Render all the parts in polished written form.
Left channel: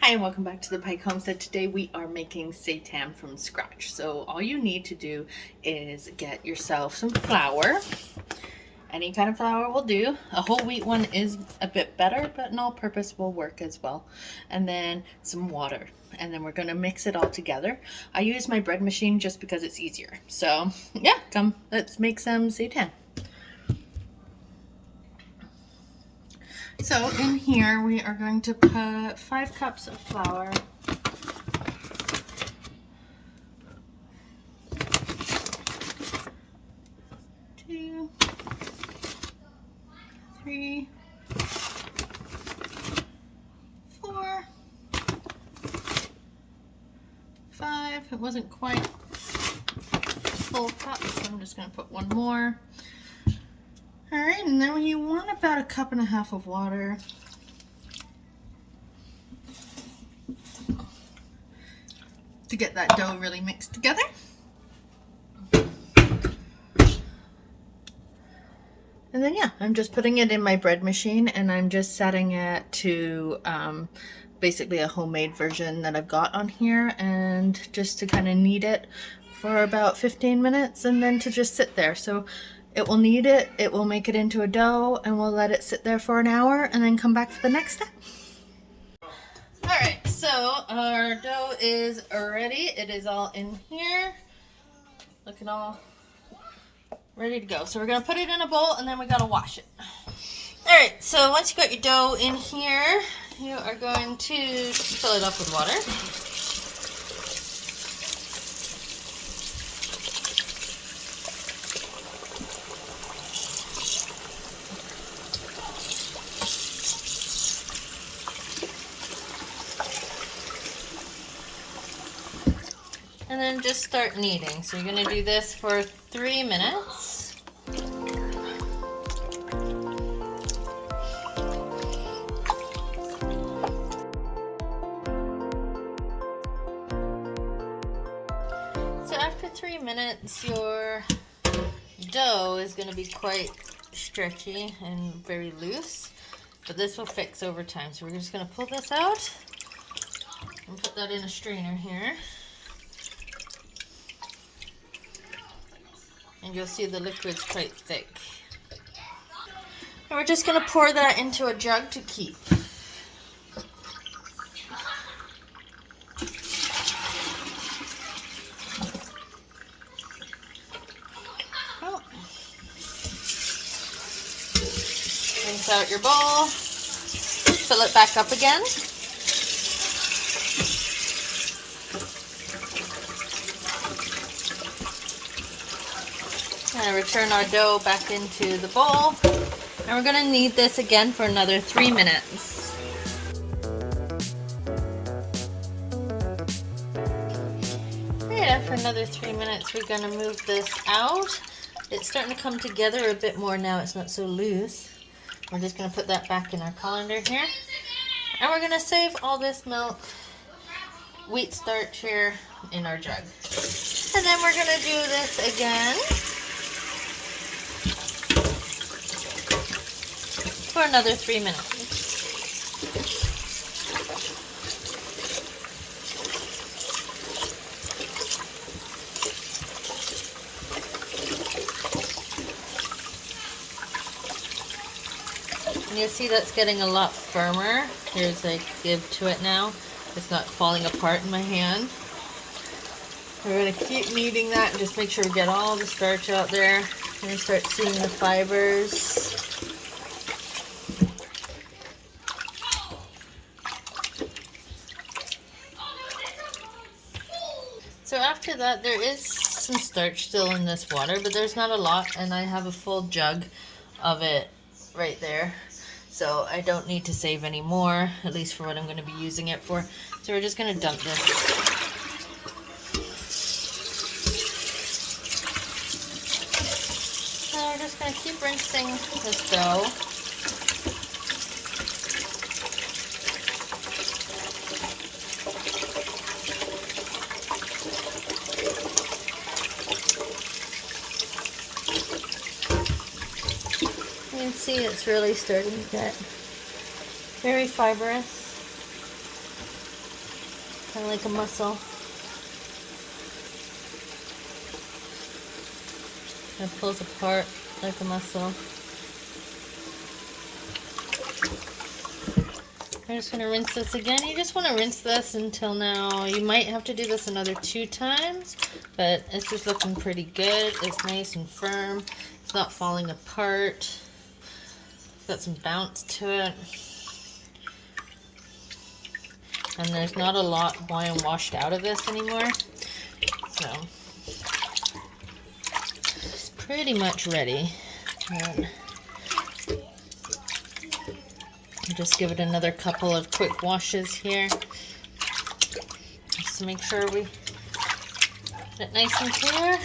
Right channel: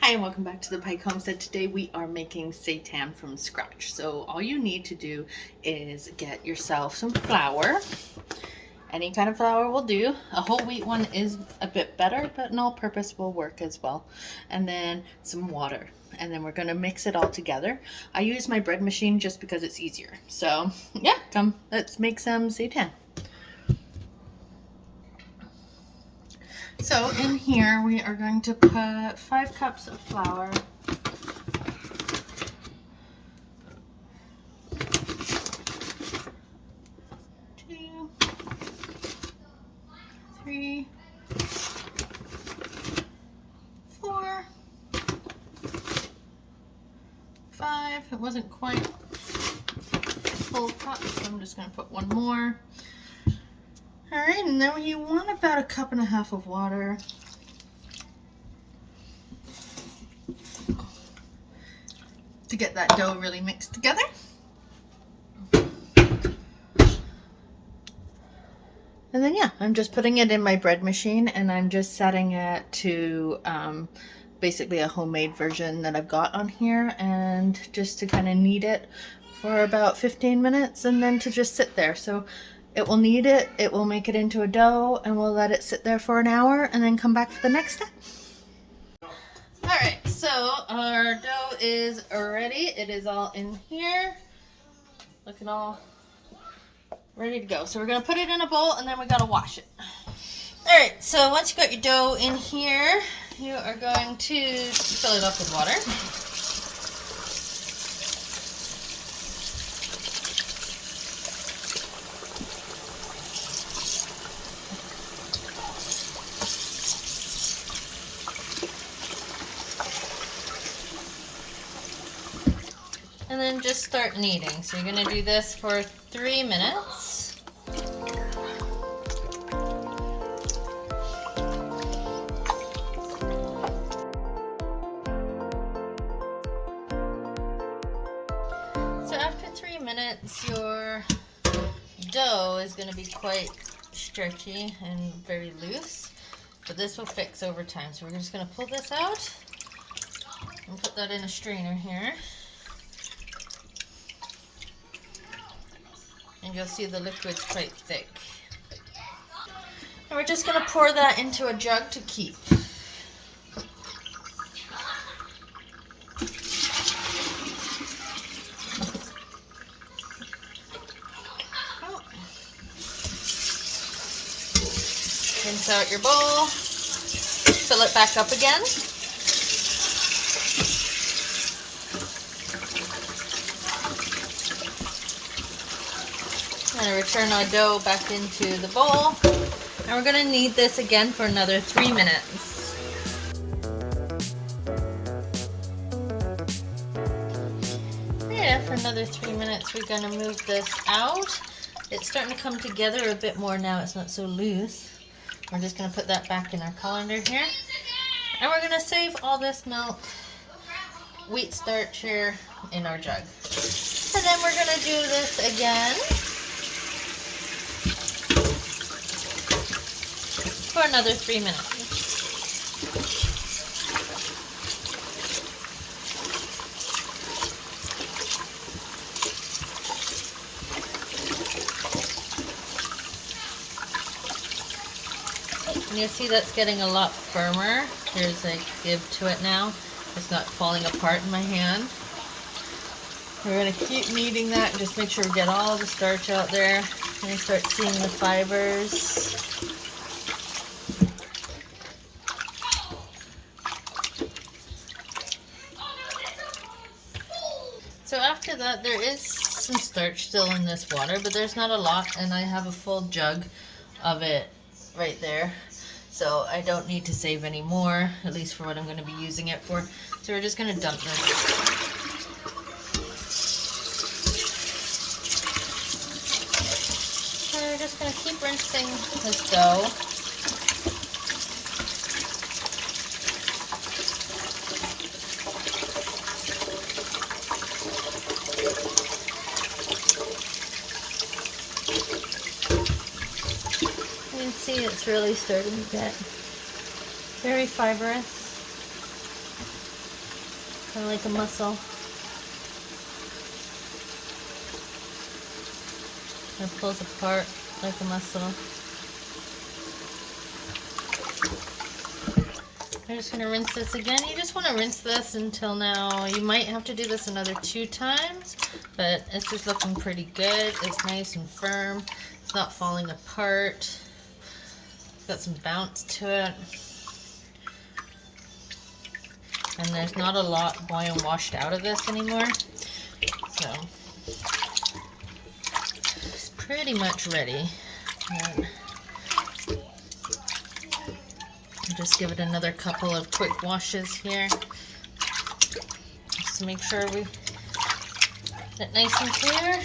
Hi and welcome back to the Pike Homestead. Today we are making seitan from scratch. So all you need to do is get yourself some flour. Any kind of flour will do. A whole wheat one is a bit better, but an all-purpose will work as well. And then some water. And then we're going to mix it all together. I use my bread machine just because it's easier. So yeah, come, let's make some seitan. So in here we are going to put 5 cups of flour. 2, 3, 4, 5. It wasn't quite full cup, so I'm just going to put one more. Alright, and then you want about 1.5 cups of water. To get that dough really mixed together. And then yeah, I'm just putting it in my bread machine and I'm just setting it to basically a homemade version that I've got on here, and just to kind of knead it for about 15 minutes and then to just sit there. So it will knead it, it will make it into a dough, and we'll let it sit there for an hour and then come back for the next step. Alright, so our dough is ready. It is all in here. Looking all ready to go. So we're going to put it in a bowl and then we got to wash it. Alright, so once you got your dough in here, you are going to fill it up with water. And then just start kneading. So you're going to do this for 3 minutes. So after 3 minutes, your dough is going to be quite stretchy and very loose, but this will fix over time. So we're just going to pull this out and put that in a strainer here. And you'll see the liquid's quite thick. And we're just going to pour that into a jug to keep. Oh. Rinse out your bowl. Fill it back up again. And return our dough back into the bowl. And we're going to knead this again for another 3 minutes. Right, after another 3 minutes, we're going to move this out. It's starting to come together a bit more now. It's not so loose. We're just going to put that back in our colander here. And we're going to save all this milk, wheat starch here in our jug. And then we're going to do this again for another 3 minutes. And you'll see that's getting a lot firmer. There's a give to it now. It's not falling apart in my hand. We're going to keep kneading that and just make sure we get all the starch out there. And you start seeing the fibers. So after that, there is some starch still in this water, but there's not a lot, and I have a full jug of it right there. So I don't need to save any more, at least for what I'm going to be using it for. So we're just going to dump this. And we're just going to keep rinsing this dough. You can see it's really starting to get very fibrous. kind of like a mussel. It pulls apart like a mussel. I'm just going to rinse this again. You just want to rinse this until now. You might have to do this another 2 times, but it's just looking pretty good. It's nice and firm. It's not falling apart. It's got some bounce to it. And there's not a lot being washed out of this anymore. So it's pretty much ready. And just give it another couple of quick washes here, just to make sure we get it nice and clear.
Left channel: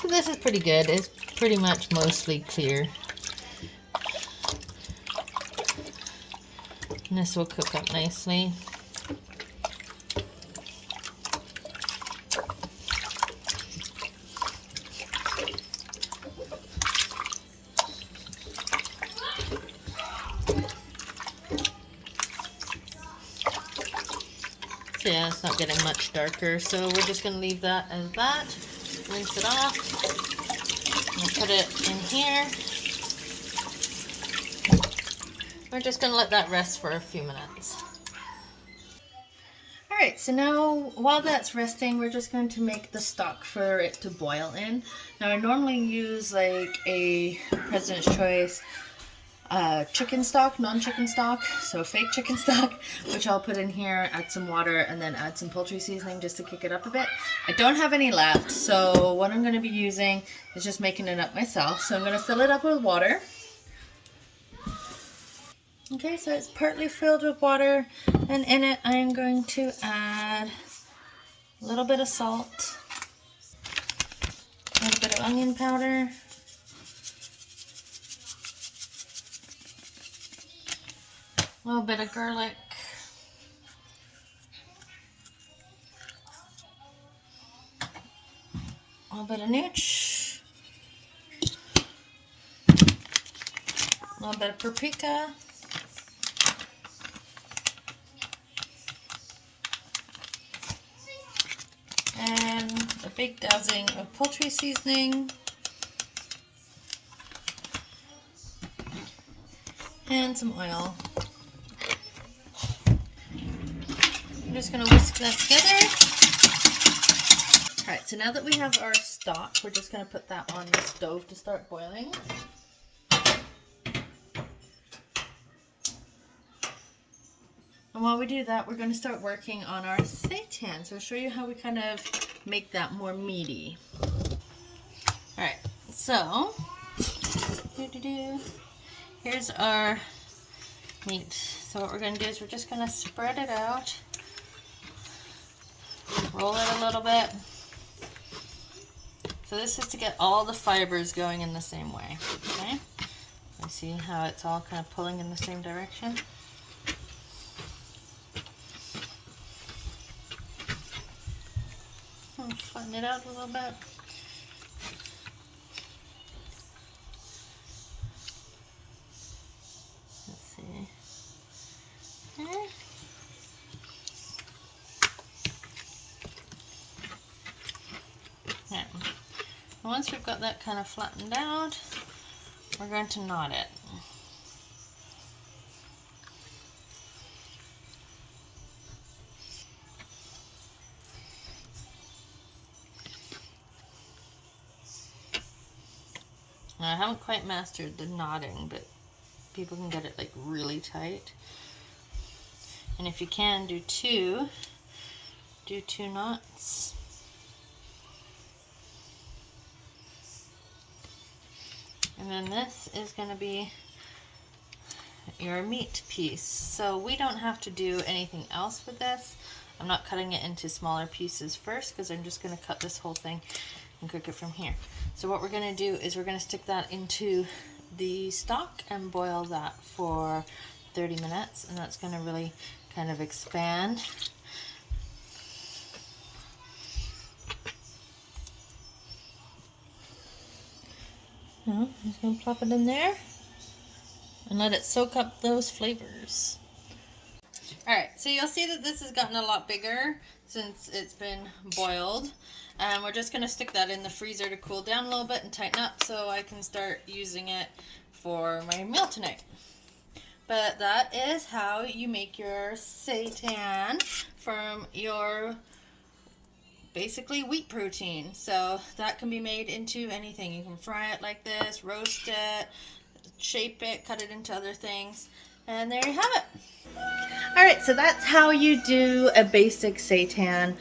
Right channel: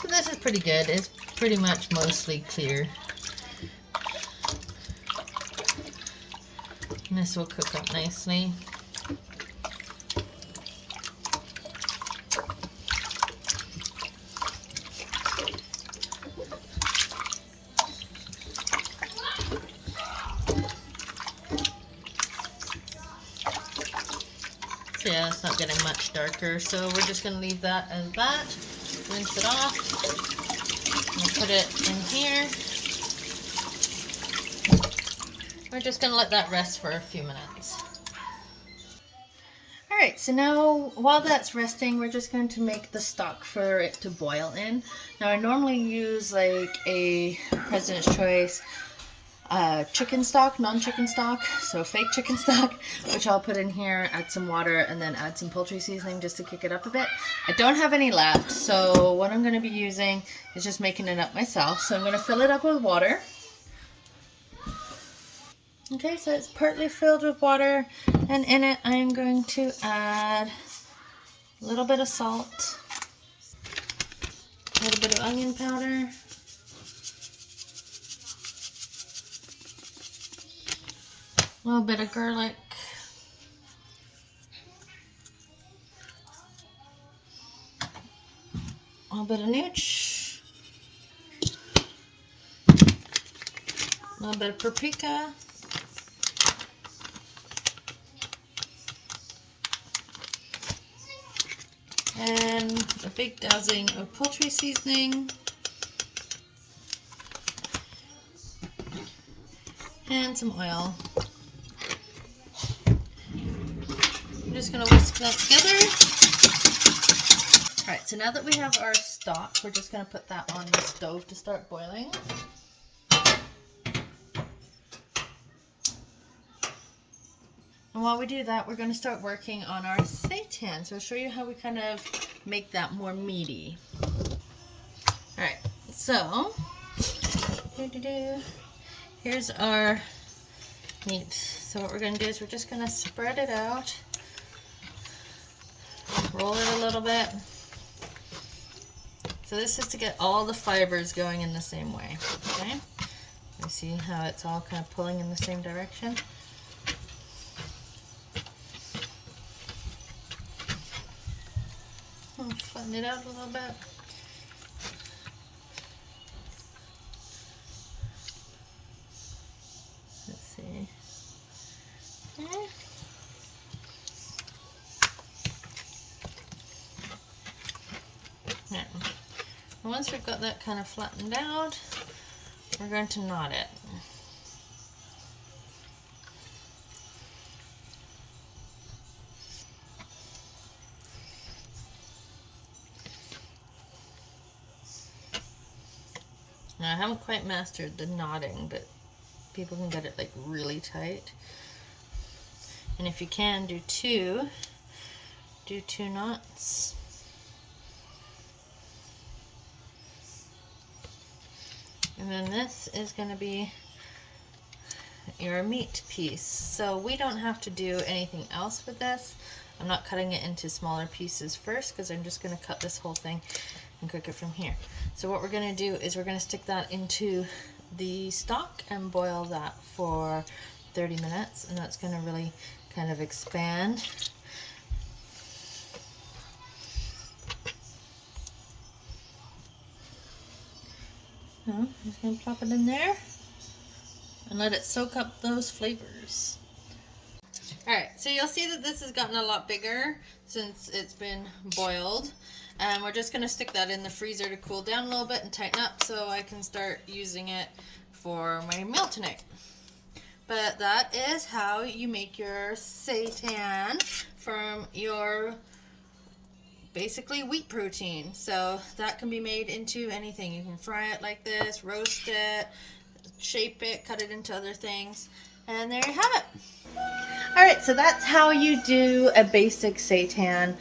So this is pretty good. It's pretty much mostly clear. And this will cook up nicely. So yeah, it's not getting much darker, so we're just going to leave that as that. Rinse it off. And put it in here. We're just going to let that rest for a few minutes. Alright, so now while that's resting, we're just going to make the stock for it to boil in. Now I normally use like a President's Choice chicken stock, non-chicken stock, so fake chicken stock, which I'll put in here, add some water, and then add some poultry seasoning just to kick it up a bit. I don't have any left, so what I'm going to be using is just making it up myself. So I'm going to fill it up with water. Okay, so it's partly filled with water, and in it I'm going to add a little bit of salt, a little bit of onion powder, a little bit of garlic, a little bit of nooch, a little bit of paprika, and a big dousing of poultry seasoning, and some oil. I'm just going to whisk that together. Alright, so now that we have our stock, we're just going to put that on the stove to start boiling. And while we do that, we're going to start working on our seitan. So I'll show you how we kind of make that more meaty. Alright, so here's our meat. So what we're going to do is we're just going to spread it out, roll it a little bit. So this is to get all the fibers going in the same way. Okay, you see how it's all kind of pulling in the same direction. I'll flatten it out a little bit. Let's see. Okay. Right. Once we've got that kind of flattened out, we're going to knot it. Now, I haven't quite mastered the knotting, but people can get it like really tight. And if you can, do two knots. And then this is going to be your meat piece. So we don't have to do anything else with this I'm not cutting it into smaller pieces first because I'm just going to cut this whole thing and cook it from here. So what we're going to do is we're going to stick that into the stock and boil that for 30 minutes, and that's going to really kind of expand. I'm just going to plop it in there and let it soak up those flavors. Alright, so you'll see that this has gotten a lot bigger since it's been boiled. And we're just going to stick that in the freezer to cool down a little bit and tighten up so I can start using it for my meal tonight. But that is how you make your seitan from your basically wheat protein. So that can be made into anything. You can fry it like this, roast it, shape it, cut it into other things, and there you have it. Alright, so that's how you do a basic seitan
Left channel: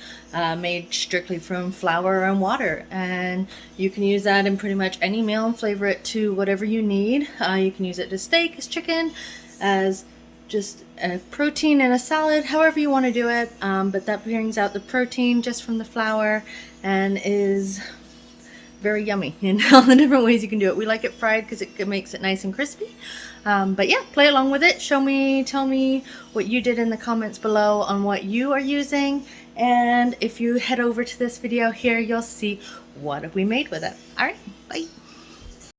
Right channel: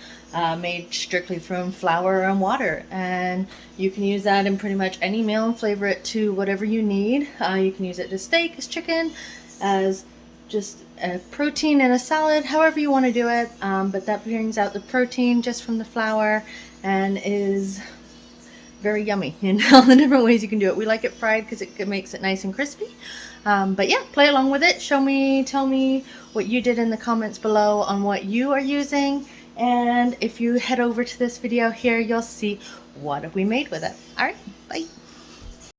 made strictly from flour and water, and you can use that in pretty much any meal and flavor it to whatever you need. You can use it as steak, as chicken, as just a protein in a salad, however you want to do it, but that brings out the protein just from the flour and is very yummy in all the different ways you can do it. We like it fried because it makes it nice and crispy. But yeah, play along with it. Show me, tell me what you did in the comments below on what you are using. And if you head over to this video here, you'll see what we made with it. All right, bye.